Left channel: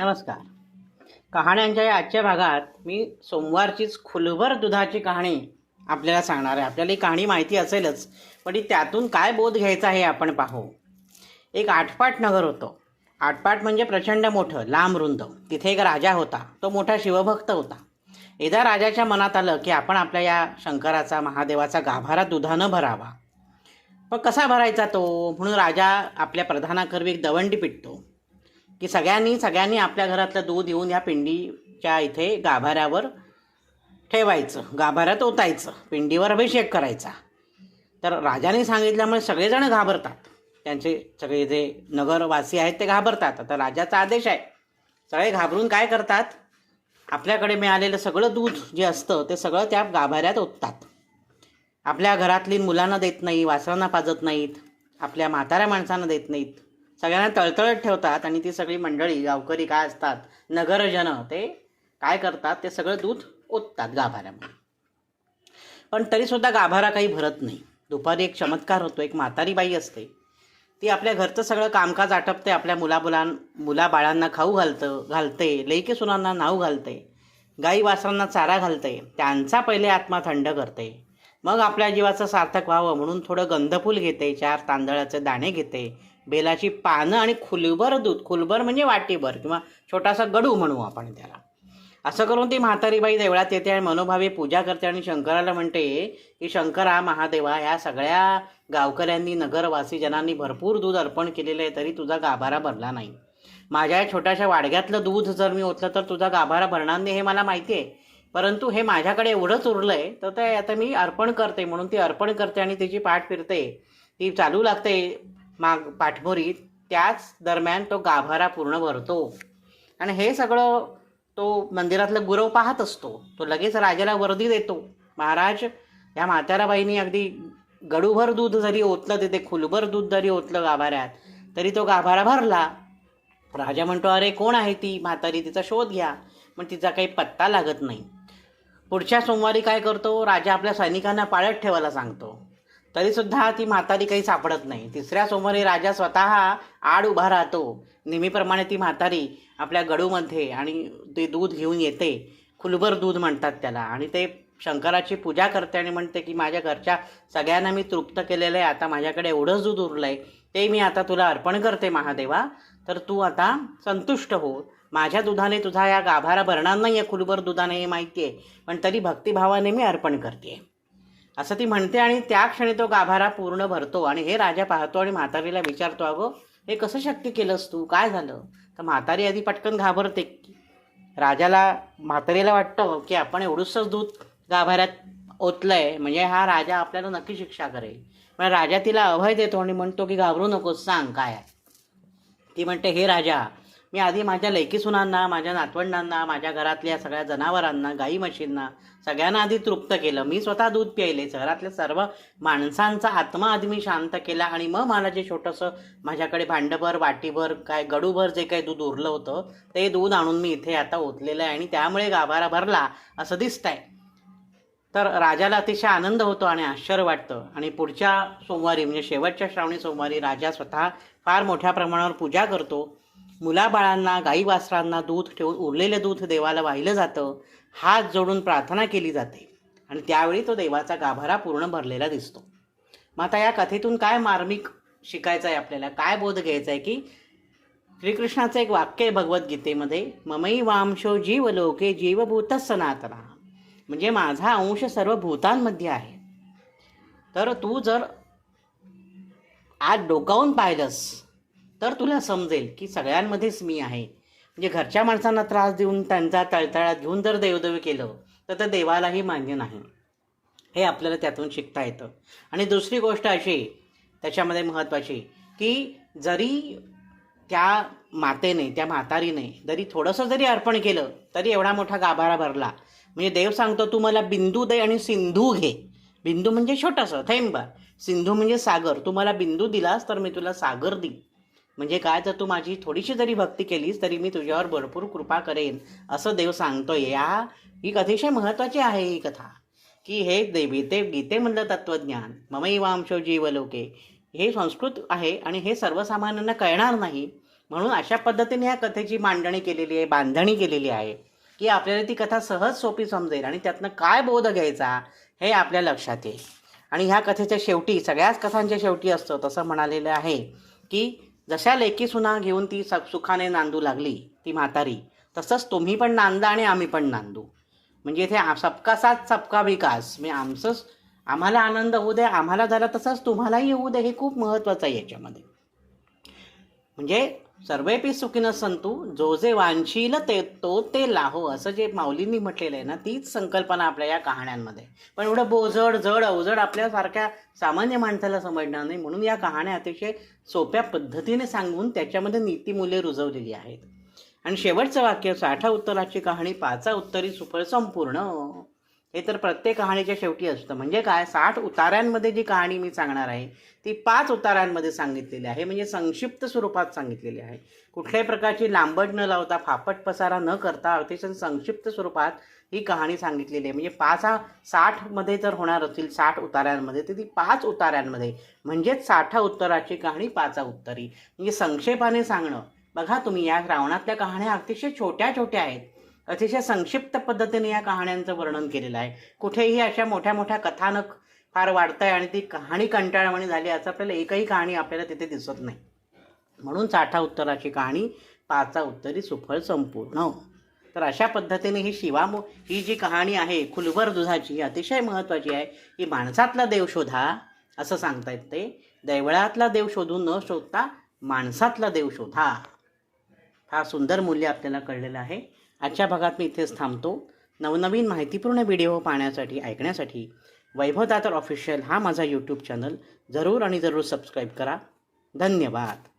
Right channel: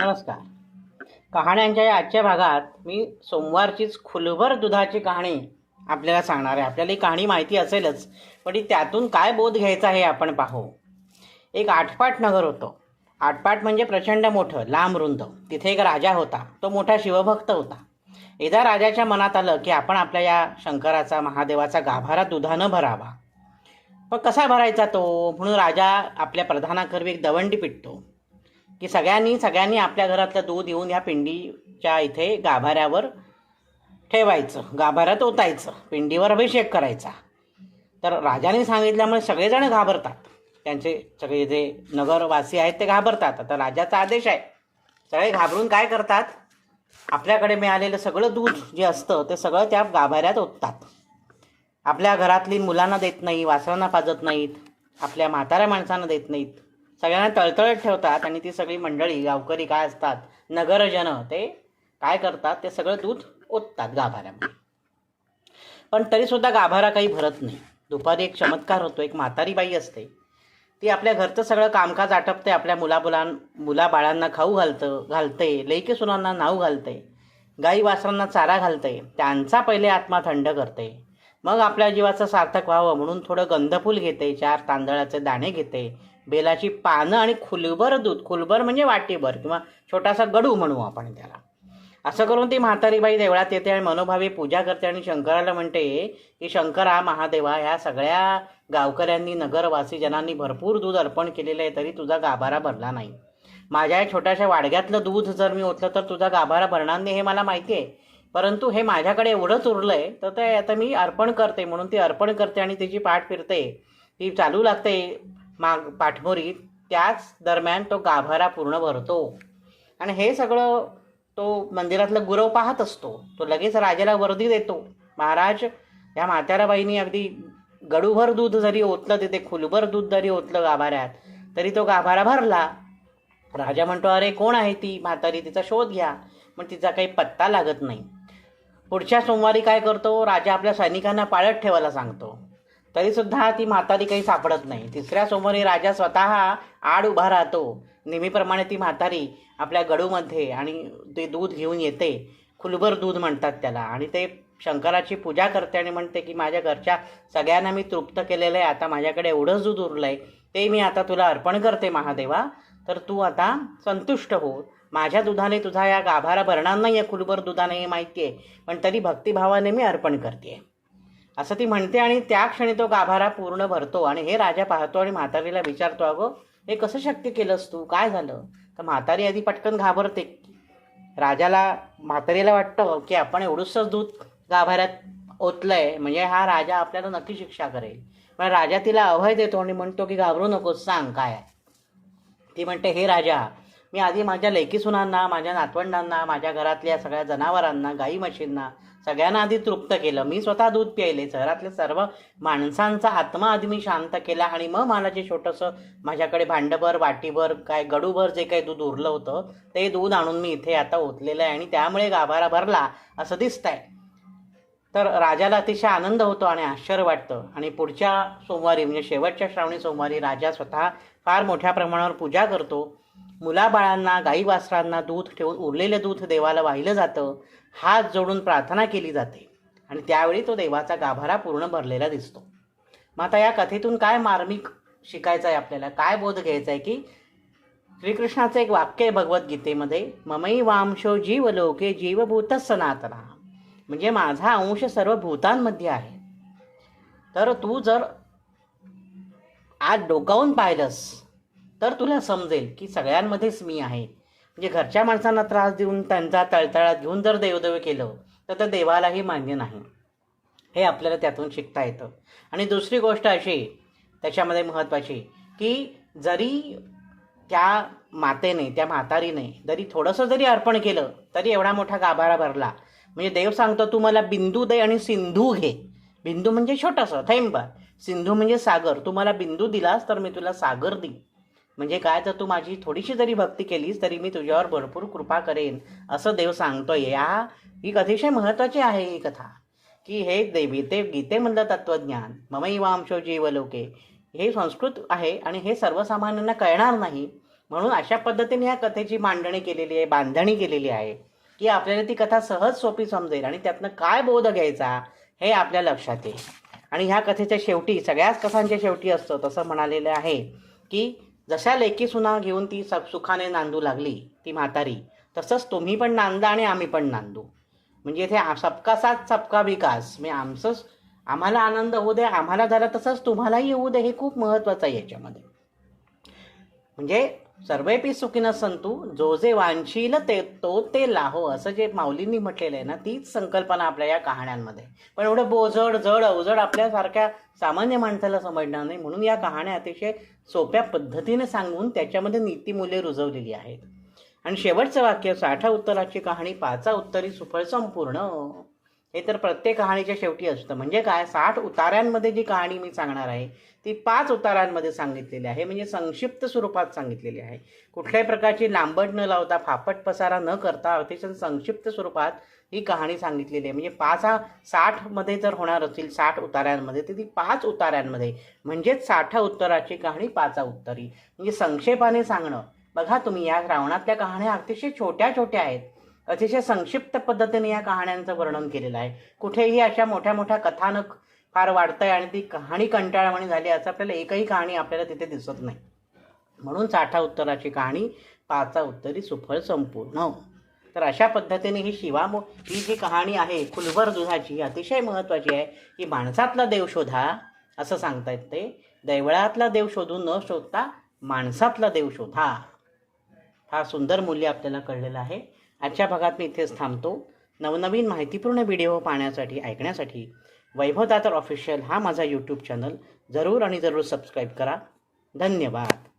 नमस्कार. कहाण्यांच्या या आजच्या भागात मी सोमवारचीच खुलभर दुधाची कहाणी आपल्याला सांगणार आहे. आपल्याला ही कहाणी माहिती असेलच पण ती त्यातून काय बोध घ्यायचा हे आपण पाहू. एक आटपाट नगर होतं. आटपाट म्हणजे प्रचंड मोठं लांब रुंद. तिथे एक राजा होता. तो मोठा शिवभक्त होता. एकदा राजाच्या मनात आलं की आपण आपल्या या शंकराचा महादेवाचा गाभारा दुधानं भरावा. पण कसा भरायचा तो? म्हणून राजा आपल्या प्रधानाकरवी एक दवंडी पिटतो. की सगळ्यांनी सगळ्यांनी आपल्या घरातलं दूध येऊन या पिंडीच्या इथे गाभाऱ्यावर ठेवायचं. गाभाऱ्यात ओतायचं. पिंडीवर अभिषेक करायचा. तर राजाने सांगितल्यामुळे सगळेजण घाबरतात. त्यांचे सगळे जे नगरवासी आहेत ते घाबरतात. आता राजाचा आदेश आहे. सगळे घाबरून काय करतात? आपल्याकडे मिळालेलं सगळं दूध जे असतं ते सगळं त्या गाभाऱ्यात ओततात. आपल्या घरातली मुलांना देत नाही वासरांना पाजत नाहीत. आपल्या म्हाताऱ्या माणसांना देत नाहीत. सगळ्यांना तळतळत ठेवतात आणि ती सगळी मंडळी गावकरी काय असतात? नगरजन ते काय करतात? ते सगळं दूध ओततात गाभाऱ्यामध्ये. पण तरीसुद्धा गाभारा काही भरत नाही. दुपारी एक चमत्कार होतो. एक म्हातारी बाई असते. ती आपल्या घरचं सगळं कामकाज आटपते. आपल्या मुलाबुलां मुलाबाळांना खाऊ घालतं घालते लेकी सुनांना नाव घालते गाई वासरांना चारा घालते. त्यांचा पहिले आत्मा थंड करते. मग आपल्या जीवाचं सार्थक व्हावं म्हणून थोडं गंधफूल घेते चार तांदळाचे दाणे घेते बेलाची पानं आणि खुलभर दूध खुलभर म्हणजे वाटीभर किंवा छोटासा गडू म्हणू आपण त्याला. असं करून ती म्हातारीबाई देवळात येते आणि मनोभावी पूजा करते आणि शंकराला म्हणते की शंकरा महादेवा ह्या सगळ्या गावकऱ्यांनी नगरवासी जनांनी भरपूर दूध अर्पण केलेलं आहे तरी तुझा गाभारा भरला नाही. माझ्या छोट्याशा वाडग्यातलं दूध जर मी ओतलं तर तुझा गाभारा भरणार नाही हे मला माहिती आहे. परंतु हे माझ्याकडे एवढंच उरलं आहे तर ते आता मी अर्पण करते म्हणून ती अर्पण करते आणि तिची पाठ फिरते. ती चालू लागते माग पाठमोरी त्याच दरम्यान तो गाभारा पूर्ण भरतो. आणि हे सगळं तो मंदिरातलं गुरव पाहत असतो. तो लगेच राजाला वर्दी देतो. महाराज या म्हाताराबाईंनी अगदी गडूभर दूध जरी ओतलं तिथे खुलभर दूध जरी ओतलं गाभाऱ्यात तरी तो गाभारा भरला. राजा म्हणतो अरे कोण आहे ती म्हातारी? तिचा शोध घ्या. पण तिचा काही पत्ता लागत नाही. पुढच्या सोमवारी काय करतो? राजा आपल्या सैनिकांना पाळत ठेवायला सांगतो. तरीसुद्धा ती म्हातारी काही सापडत नाही. तिसऱ्या सोमवारी राजा स्वतः आड उभा राहतो. नेहमीप्रमाणे ती म्हातारी आपल्या गडूमध्ये आणि ते दूध घेऊन येते. खुलभर दूध म्हणतात त्याला. आणि ते शंकराची पूजा करते आणि म्हणते की माझ्या घरच्या सगळ्यांना मी तृप्त केलेलं आहे. आता माझ्याकडे एवढंच दूध उरलं आहे ते मी आता तुला अर्पण करते महादेवा. तर तू आता संतुष्ट हो. माझ्या दुधाने तुझा या गाभारा भरणार नाही आहे खुलभर दुधाने हे माहिती आहे पण तरी भक्तिभावाने मी अर्पण करते असं ती म्हणते आणि त्या क्षणी तो गाभारा पूर्ण भरतो आणि हे राजा पाहतो आणि म्हातारीला विचारतो अगं हे कसं शक्य केलंस तू? काय झालं? तर म्हातारी आधी पटकन घाबरते. राजाला म्हातारीला वाटतं की आपण एवढंसंच दूध गाभाऱ्यात ओतलंय म्हणजे हा राजा आपल्याला नक्की शिक्षा करेल. पण राजा तिला अभय देतो आणि म्हणतो की घाबरू नकोस सांग काय आहे. ती म्हणते हे राजा मी आधी माझ्या लेकीसुनांना माझ्या नातवंडांना माझ्या घरातल्या सगळ्या जनावरांना गाई म्हशींना सगळ्यांना आधी तृप्त केलं. मी स्वतः दूध प्यायले. शहरातल्या सर्व माणसांचा आत्मा आधी मी शांत केला आणि मग मला जे छोटंसं माझ्याकडे भांडभर वाटीभर काय गडूभर जे काही दूध उरलं होतं ते दूध आणून मी इथे आता ओतलेलं आहे आणि त्यामुळे गाभारा भरला असं दिसतंय. तर राजाला अतिशय आनंद होतो आणि आश्चर्य वाटतं. आणि पुढच्या सोमवारी म्हणजे शेवटच्या श्रावणी सोमवारी राजा स्वतः फार मोठ्या प्रमाणावर पूजा करतो. मुलाबाळांना गाई वासरांना दूध ठेवून उरलेलं दूध देवाला वाहिलं जातं हात जोडून प्रार्थना केली जाते. आणि त्यावेळी तो देवाचा गाभारा पूर्ण भरलेला दिसतो. मग आता या कथेतून काय मार्मिक शिकायचं आहे आपल्याला? काय बोध घ्यायचा आहे की श्रीकृष्णाचं एक वाक्य आहे भगवद्गीतेमध्ये ममई वांशो जीव लोके जीवभूत सनातना. म्हणजे माझा अंश सर्व भूतांमध्ये आहे. तर तू जर आज डोकावून पाहिलंस तर तुला समजेल की सगळ्यांमध्येच मी आहे. म्हणजे घरच्या माणसांना त्रास देऊन त्यांचा तळतळात घेऊन जर देवदेव केलं तर त्या देवालाही मान्य नाही. हे आपल्याला त्यातून शिकता येतं. आणि दुसरी गोष्ट अशी त्याच्यामध्ये महत्त्वाची की जरी त्या मातेने त्या म्हातारीने जरी थोडंसं जरी अर्पण केलं तरी एवढा मोठा गाभारा भरला. म्हणजे देव सांगतो तू मला बिंदू दे आणि सिंधू घे. बिंदू म्हणजे छोटंसं थेंब. सिंधू म्हणजे सागर. तू मला बिंदू दिलास तर मी तुला सागर देईन. म्हणजे काय? तर तू माझी थोडीशी जरी भक्ती केलीस तरी मी तुझ्यावर भरपूर कृपा करेन असं देव सांगतोय. या ही अतिशय महत्त्वाची आहे ही कथा. की हे देवी गीते गीतेमधलं तत्त्वज्ञान. ममई जीवलोके. हे संस्कृत आहे आणि हे सर्वसामान्यांना कळणार नाही. म्हणून अशा पद्धतीने ह्या कथेची मांडणी केलेली आहे बांधणी केलेली आहे की आपल्याला ती कथा सहज सोपी समजेल आणि त्यातनं काय बोध घ्यायचा हे आपल्या लक्षात येईल. आणि ह्या कथेच्या शेवटी सगळ्याच कथांच्या शेवटी असतं तसं म्हणालेलं आहे की जशा लेकी सुना घेऊन ती स सुखाने नांदू लागली ती म्हातारी तसंच तुम्ही पण नांदा आणि आम्ही पण नांदू. म्हणजे इथे सबका साथ सबका विकास. म्हणजे आमचंच आम्हाला आनंद होऊ दे आम्हाला झाला तसंच तुम्हालाही येऊ दे हे खूप महत्त्वाचं आहे याच्यामध्ये. म्हणजे सर्वेपी सुखीनं संतू जो जे वांशील ते तो ते लाहो असं जे माऊलींनी म्हटलेलं आहे ना तीच संकल्पना आपल्या या कहाण्यांमध्ये. पण एवढं बोजड जड अवजड आपल्यासारख्या सामान्य माणसाला समजणार नाही म्हणून या कहाण्या अतिशय सोप्या पद्धतीने सांगून त्याच्यामध्ये नीतिमूल्य रुजवलेली आहेत. आणि शेवटचं वाक्य साठा उत्तराची कहाणी पाचा उत्तरी सुफळ संपूर्ण. हे तर प्रत्येक कहाणीच्या शेवटी असतं. म्हणजे काय? साठ उताऱ्यांमध्ये जी कहाणी मी सांगणार आहे ती पाच उताऱ्यांमध्ये सांगितलेली आहे. म्हणजे संक्षिप्त स्वरूपात सांगितलेली आहे. कुठल्याही प्रकारची लांबट न लावता फापट पसारा न करता अतिशय संक्षिप्त स्वरूपात ही कहाणी सांगितलेली आहे. म्हणजे पाच हा साठमध्ये जर होणार असतील साठ उताऱ्यांमध्ये तर ती पाच उताऱ्यांमध्ये. म्हणजेच साठा उत्तराची कहाणी पाचा उत्तरी. म्हणजे संक्षेपाने सांगणं. बघा तुम्ही या रावणातल्या कहाण्या अतिशय छोट्या छोट्या आहेत. अतिशय संक्षिप्त पद्धतीने या कहाण्यांचं वर्णन केलेलं आहे. कुठेही अशा मोठ्या मोठ्या कथानक फार वाढतंय आणि ती कहाणी कंटाळवाणी झाली असं आपल्याला एकही कहाणी आपल्याला तिथे दिसत नाही. म्हणून साठा उत्तराची कहाणी पाचा उत्तरी सुफळ संपूर्ण. तर अशा पद्धतीने ही शिवामो ही जी कहाणी आहे खुलवर दुधाची ही अतिशय महत्त्वाची आहे की माणसातला देव शोधा असं सांगतायत ते. दैवळातला देव शोधून न शोधता माणसातला देव शोधा. हा सुंदर मूल्य आपल्याला कळलेलं आहे. आजच्या भागात मी इथेच थांबतो. नवनवीन माहितीपूर्ण व्हिडिओ पाहण्यासाठी ऐकण्यासाठी वैभव दातर ऑफिशियल हा माझा यूट्यूब चॅनल जरूर आणि जरूर सबस्क्राईब करा. धन्यवाद.